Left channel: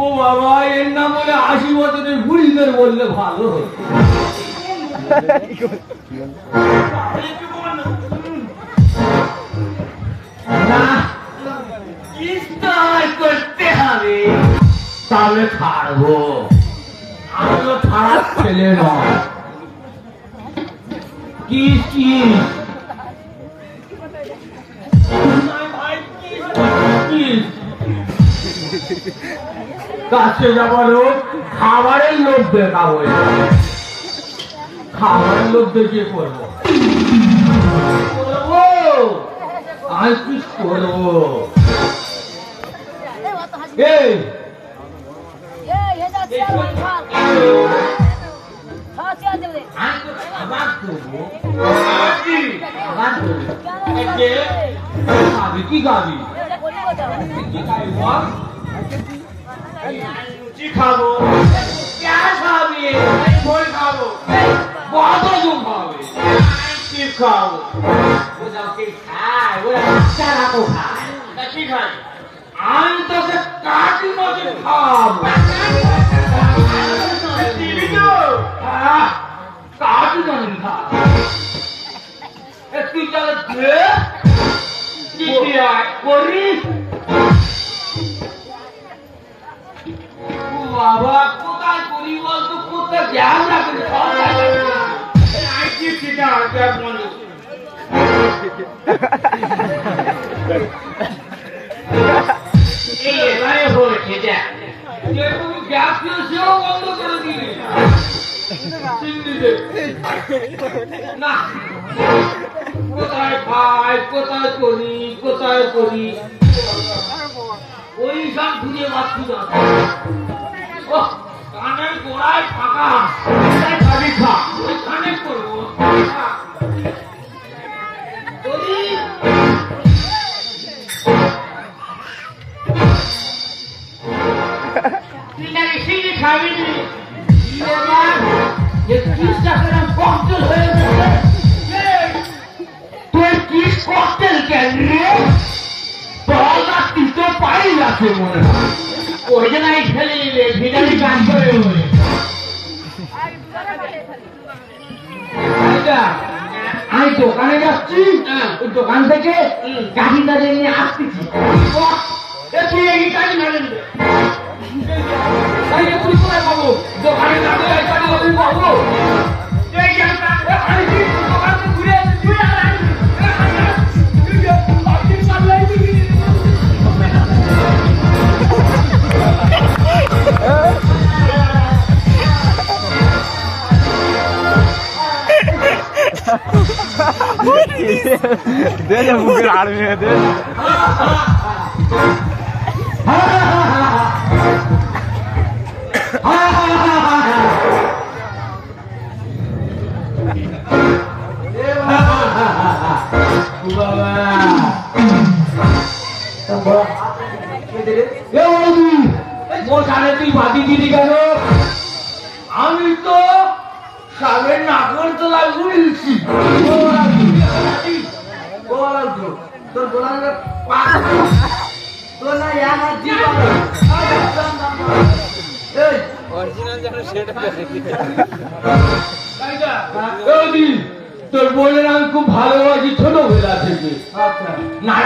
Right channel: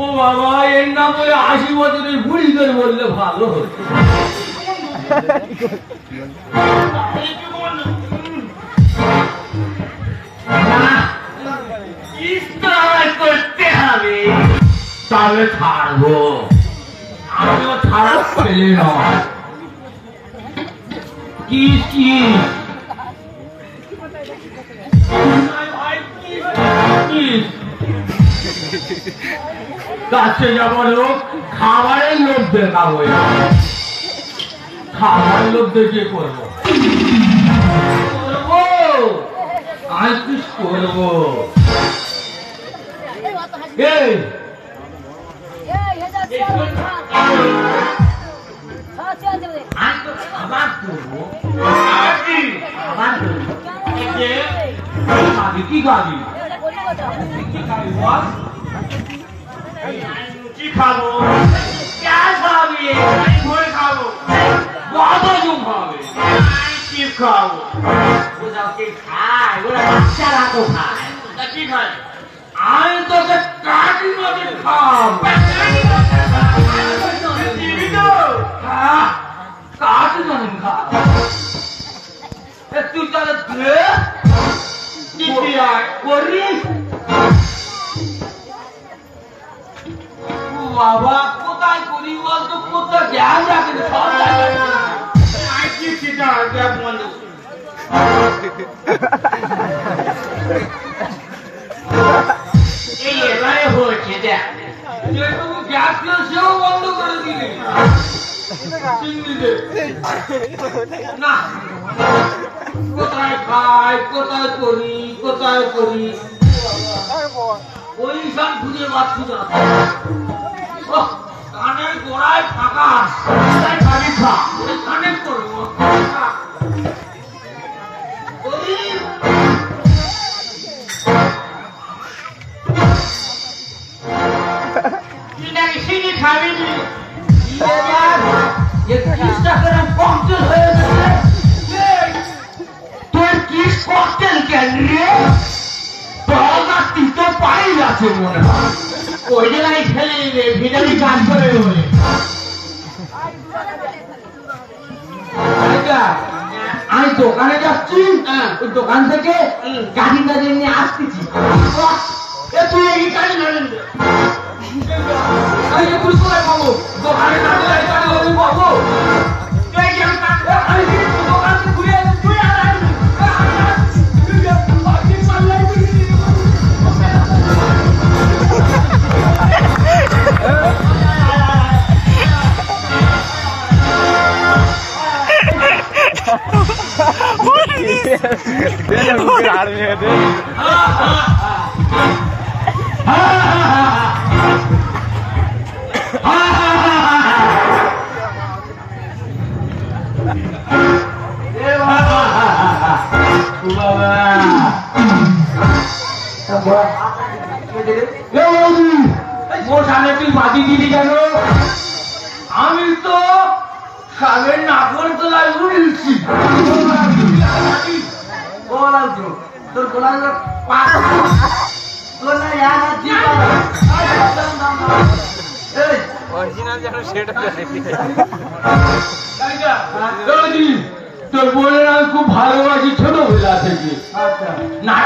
ও বাবা, এর নাম বলে 80 বছরের বুড়িদের বললে ভালো হতো। করতে হবে, তাহলে ছাড়বো। আমিও ছাড়ার ছেলে নয়। কি কাছে যাবার লোক, খাবারের লোক দেখাবো। খাবারের লোক দেখে করবো, আমি কি করবো? কি খাবি? কি খাবি বল? কি খাবো? খাবি? বই খাবো। কতজন খাবে? কি খাবো? ওরা কি খায়? ওরা বাচ্চারা তো খায়। কি খায়? আমি তোকে কাটি মাটি খাবো। কাটি মাটি খাবো। তুই তাহলে করিস? বাবা, কোথায় করি বলতো? কোথায় জ্ঞান রাখি? এই এলাকায় হয়েছে দেখ, যেটুকু গ্যাস ছিল সেও বন্ধ করে দিলে না। কোথায় খাই, কোথায় করি, কোথায় করি, ওই সব খুঁজে পাচ্ছি না। কানের গোড়ায় ফাঁকা, কানে করবো। খাবি তোর কিস ককটেল কেন রে? তুই তো পাই আছে মনে হয়, ওই জন্যই ফেলে নিলে ভিটারি কাজ করে বলে। আমি দোকানে যাচ্ছি, ওই দোকান থেকে গাড়ি দাঁড়িয়ে নিয়ে আসতেছি। তুই এই গাড়ি নাড়েন তুই করে পাবো দোকানে পাবো। তুই বাদি দিলি কেন? আমি তো কালের নাগর তোলায় উড়েছি। তোর গোলা তোর বোনের আমি খুব ভালোবাসি ছোটবেলা থেকে। না